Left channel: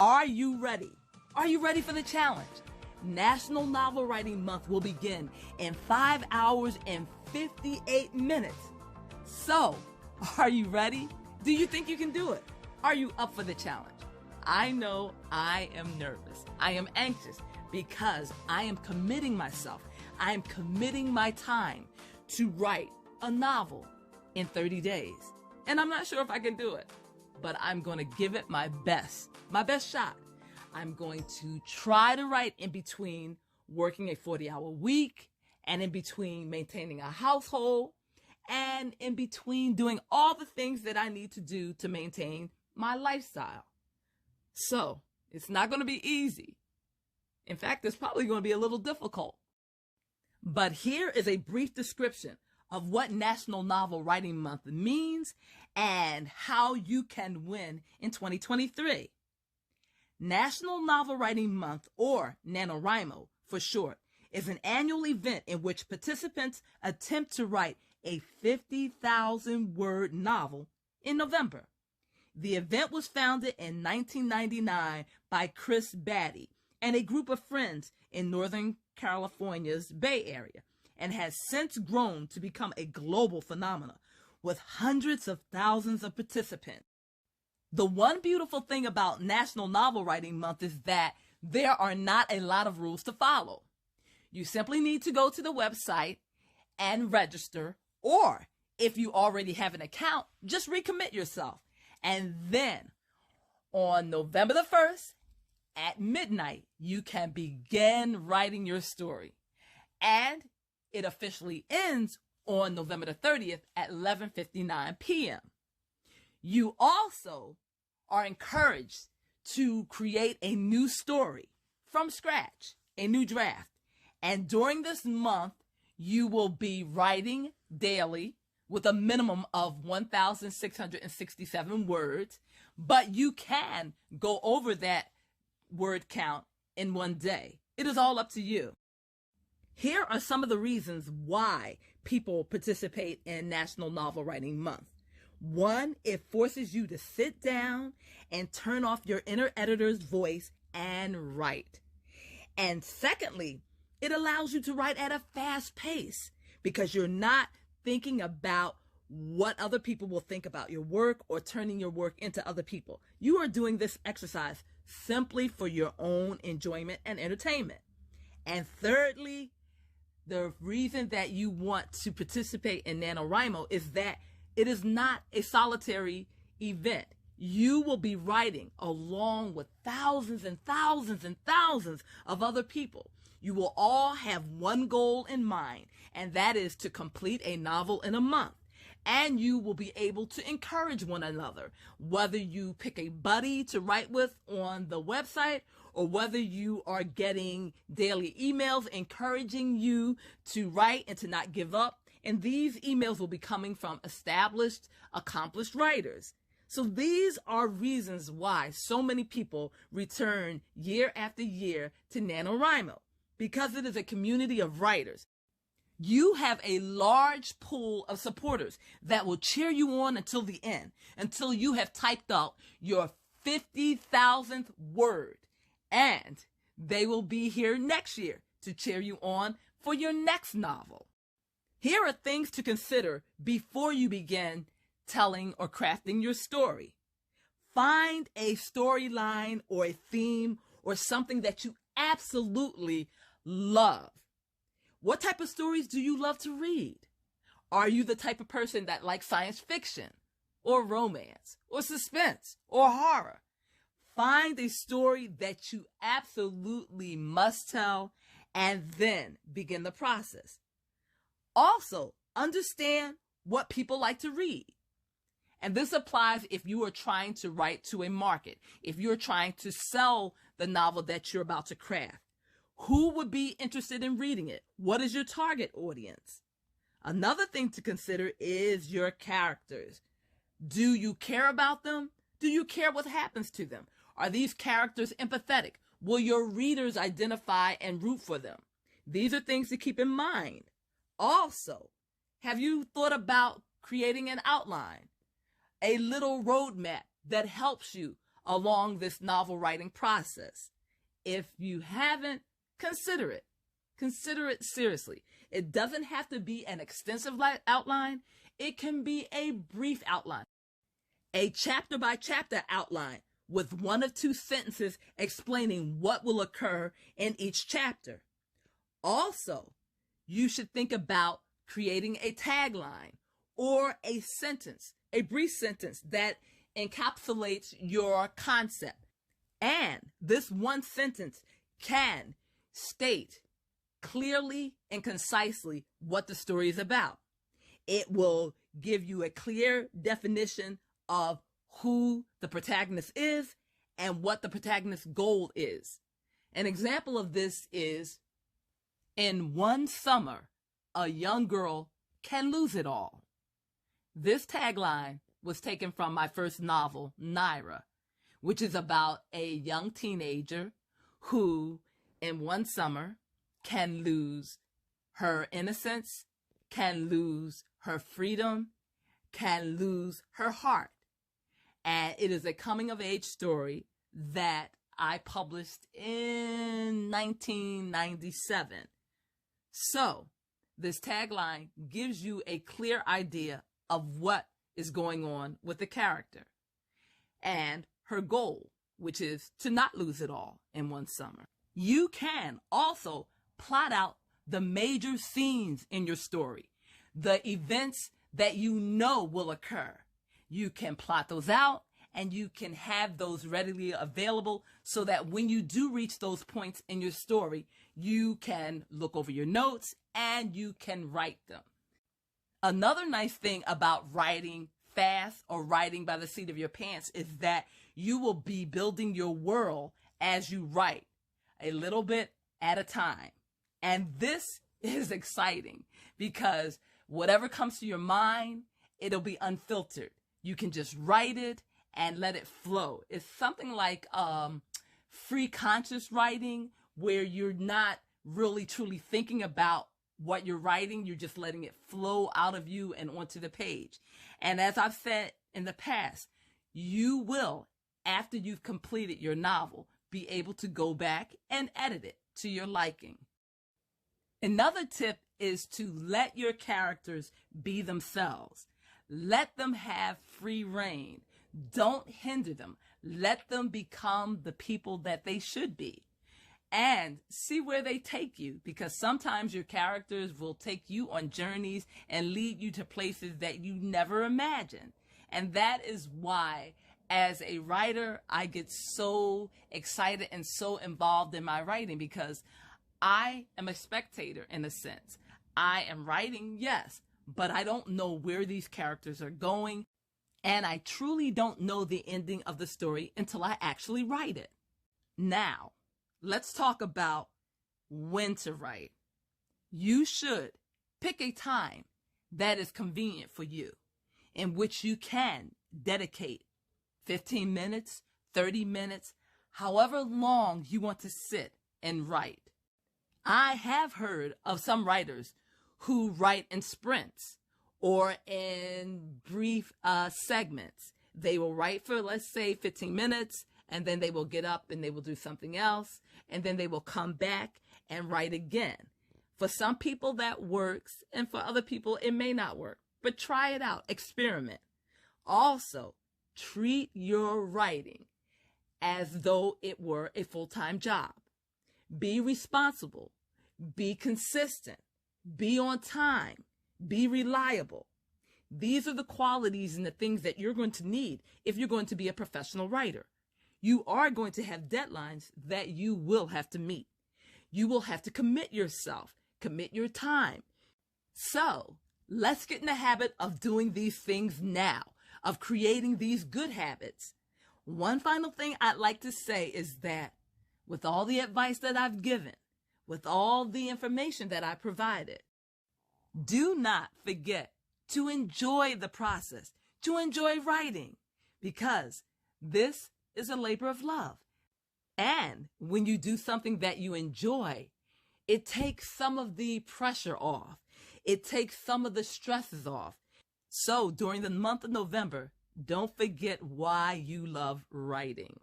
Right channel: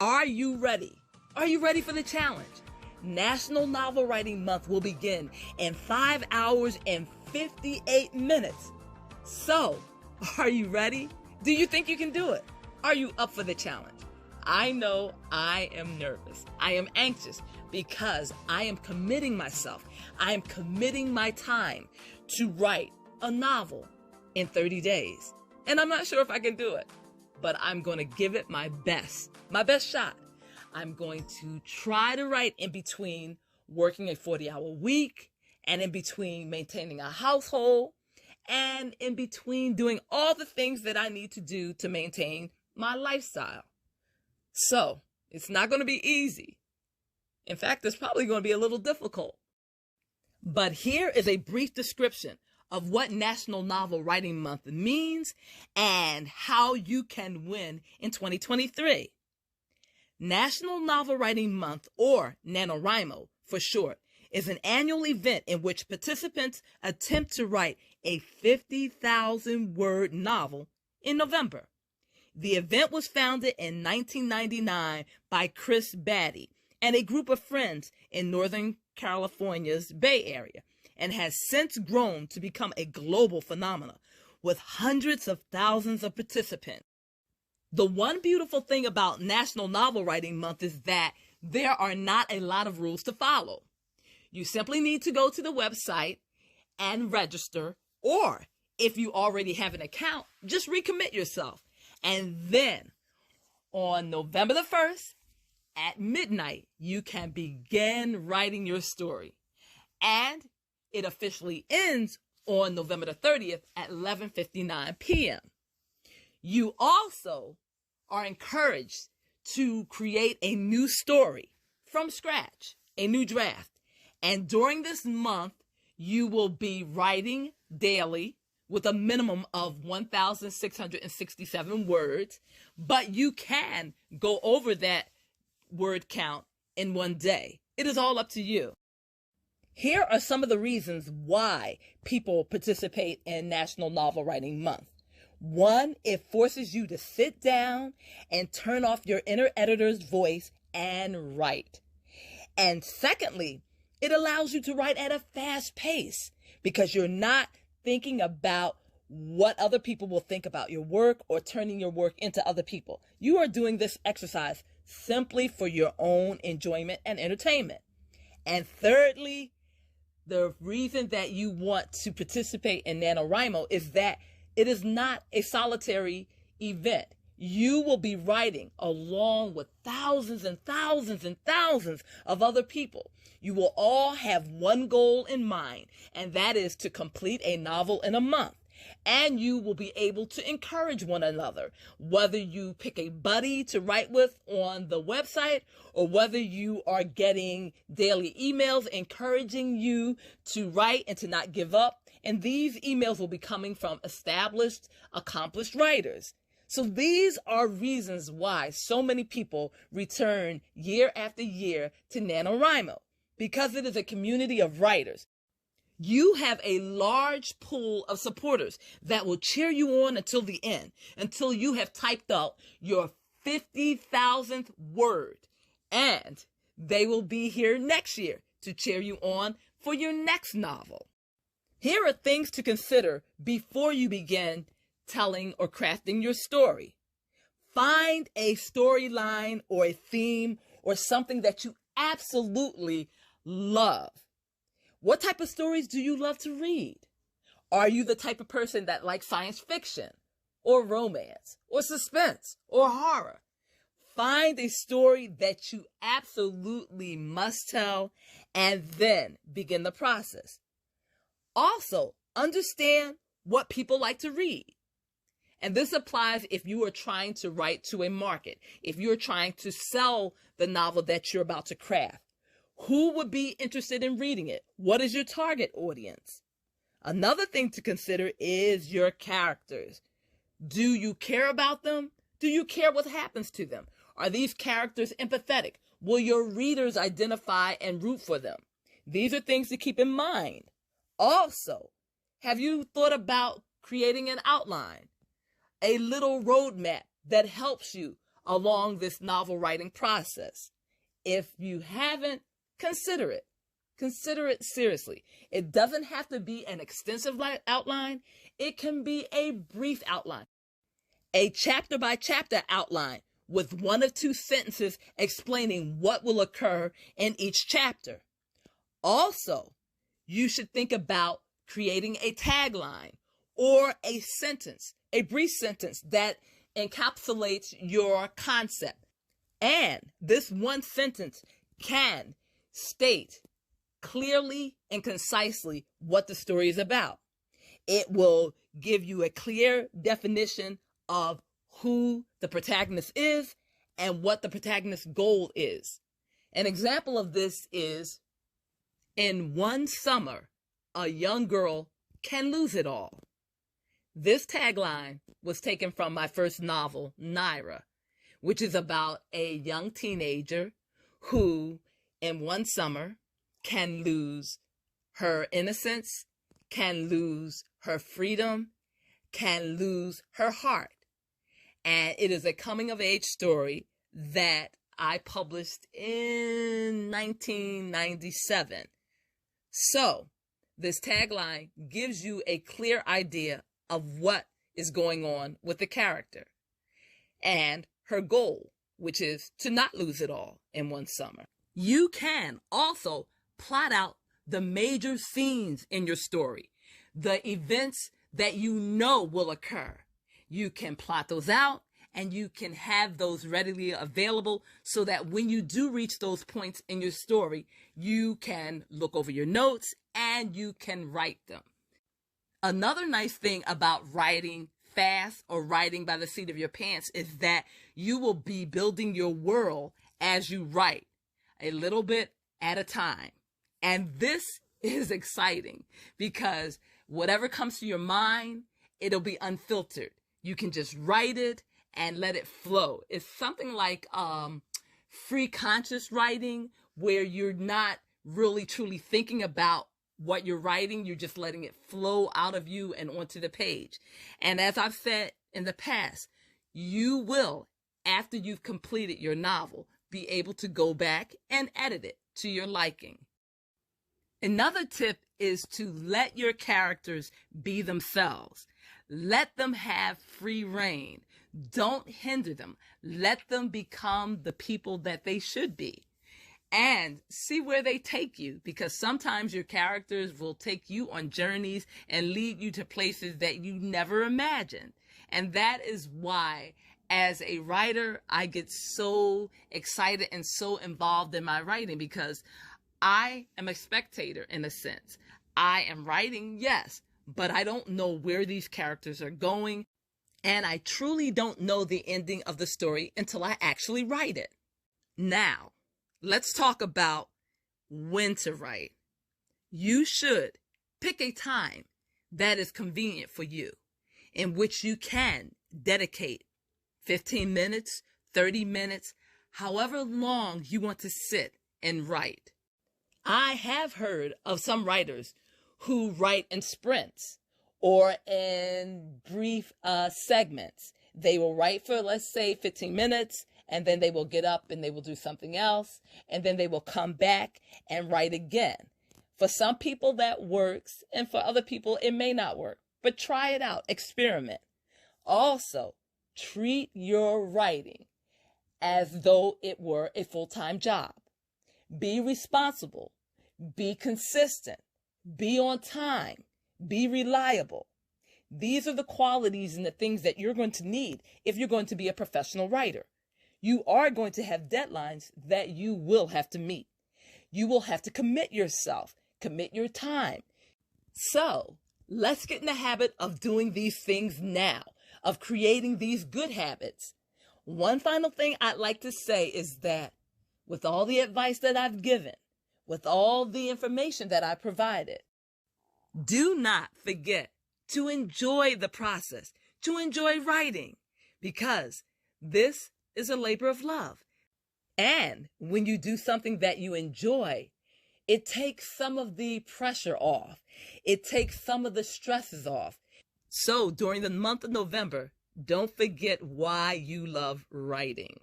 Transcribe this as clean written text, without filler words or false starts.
Are you ready? Are you ready for the challenge? National Novel Writing Month will begin in 5 hours and 58 minutes. So, are you ready? Do you think you can do it? Are you up for the challenge? I know I am nervous. I am anxious because I am committing myself. I am committing my time to write a novel in 30 days. And I'm not sure if I can do it, but I'm going to give it my best shot. I'm going to try to write in between working a 40-hour week and in between maintaining a household and in between doing all the things that I need to do to maintain my lifestyle. So it's not going to be easy. In fact, it's probably going to be a little difficult. But here is a brief description of what National Novel Writing Month means and how you can win in 2023. National Novel Writing Month, or NaNoWriMo for short, is an annual event in which participants attempt to write a 50,000-word novel in November. The event was founded in 1999 by Chris Batty and a group of friends in Northern California's Bay Area, and has since grown to become a global phenomenon with hundreds of thousands of participants. The one beautiful thing about National Novel Writing Month is that there are not a lot of rules to follow. You simply need to go to the website and register, or if you already have an account, just recommit yourself. And then on November the 1st at midnight, you can begin writing your story. And it officially ends on November the 30th at 11:59 p.m. You also are encouraged to create a new story from scratch, a new draft. And during this month, you will be writing daily with a minimum of 1,667 words, but you can go over that word count in one day. It is all up to you. Here are some of the reasons why people participate in National Novel Writing Month. 1, it forces you to sit down and turn off your inner editor's voice and write. And secondly, it allows you to write at a fast pace because you're not thinking about what other people will think about your work or turning your work into other people. You are doing this exercise simply for your own enjoyment and entertainment. And thirdly, the reason that you want to participate in NaNoWriMo is that it is not a solitary event. You will be writing along with thousands and thousands and thousands of other people. You will all have one goal in mind, and that is to complete a novel in a month. And you will be able to encourage one another, whether you pick a buddy to write with on the website or whether you are getting daily emails encouraging you to write and to not give up. And these emails will be coming from established, accomplished writers. So these are reasons why so many people return year after year to NaNoWriMo, because it is a community of writers. You have a large pool of supporters that will cheer you on until the end, until you have typed out your 50,000th word. And they will be here next year to cheer you on for your next novel. Here are things to consider before you begin telling or crafting your story. Find a storyline or a theme or something that you absolutely love. What type of stories do you love to read? Are you the type of person that likes science fiction or romance or suspense or horror? Find a story that you absolutely must tell and then begin the process. Also, understand what people like to read. And this applies if you are trying to write to a market, if you're trying to sell the novel that you're about to craft. Who would be interested in reading it? What is your target audience? Another thing to consider is your characters. Do you care about them? Do you care what happens to them? Are these characters empathetic? Will your readers identify and root for them? These are things to keep in mind. Also, have you thought about creating an outline, a little roadmap that helps you along this novel writing process. If you haven't, consider it. Consider it seriously. It doesn't have to be an extensive outline. It can be a brief outline, a chapter by chapter outline with 1 or 2 sentences explaining what will occur in each chapter. Also, you should think about creating a tagline or a sentence, a brief sentence that encapsulates your concept. And this one sentence can state clearly and concisely what the story is about. It will give you a clear definition of who the protagonist is and what the protagonist's goal is. An example of this is, in one summer, a young girl can lose it all. This tagline was taken from my first novel, Naira, which is about a young teenager who, in one summer, can lose her innocence, can lose her freedom, can lose her heart. And it is a coming-of-age story that I published in 1997. So, this tagline gives you a clear idea of what is going on with the character and her goal, which is to not lose it all in one summer. You can also plot out the major scenes in your story, the events that you know will occur. You can plot those out and you can have those readily available so that when you do reach those points in your story, you can look over your notes and you can write them. Another nice thing about writing fast or writing by the seat of your pants is that you will be building your world as you write, a little bit at a time. And this is exciting because whatever comes to your mind, it'll be unfiltered. You can just write it and let it flow. It's something like free conscious writing, where you're not really truly thinking about what you're writing. You're just letting it flow out of you and onto the page. And as I've said in the past, you will, after you've completed your novel, be able to go back and edit it to your liking. Another tip is to let your characters be themselves. Let them have free reign. Don't hinder them. Let them become the people that they should be. And see where they take you, because sometimes your characters will take you on journeys and lead you to places that you never imagined. And that is why, as a writer, I get so excited and so involved in my writing, because I am a spectator in a sense. I am writing, yes, but I don't know where these characters are going. And I truly don't know the ending of the story until I actually write it. Now, let's talk about when to write. You should pick a time that is convenient for you, in which you can dedicate 15 minutes, 30 minutes, however long you want to sit and write. I have heard of some writers who write in sprints or in brief segments. They will write for, let's say, 15 minutes, and then they will get up and they will do something else, and then they will come back and write again. For some people that works, and for other people it may not work, but try it out, experiment. Also, treat your writing as though it were a full-time job. Be responsible, be consistent, be on time, be reliable. These are the qualities and the things that you're going to need if you're going to be a professional writer. You are going to have deadlines that you will have to meet. You will have to commit yourself, commit your time. So let's get in the habit of doing these things now, of creating these good habits. One final thing I'd like to say is that with all the advice that I've given, with all the information that I provided, do not forget to enjoy the process, to enjoy writing, because this is a labor of love. And when you do something that you enjoy, it takes some of the pressure off. It takes some of the stresses off. So during the month of November, Don't forget why you love writing.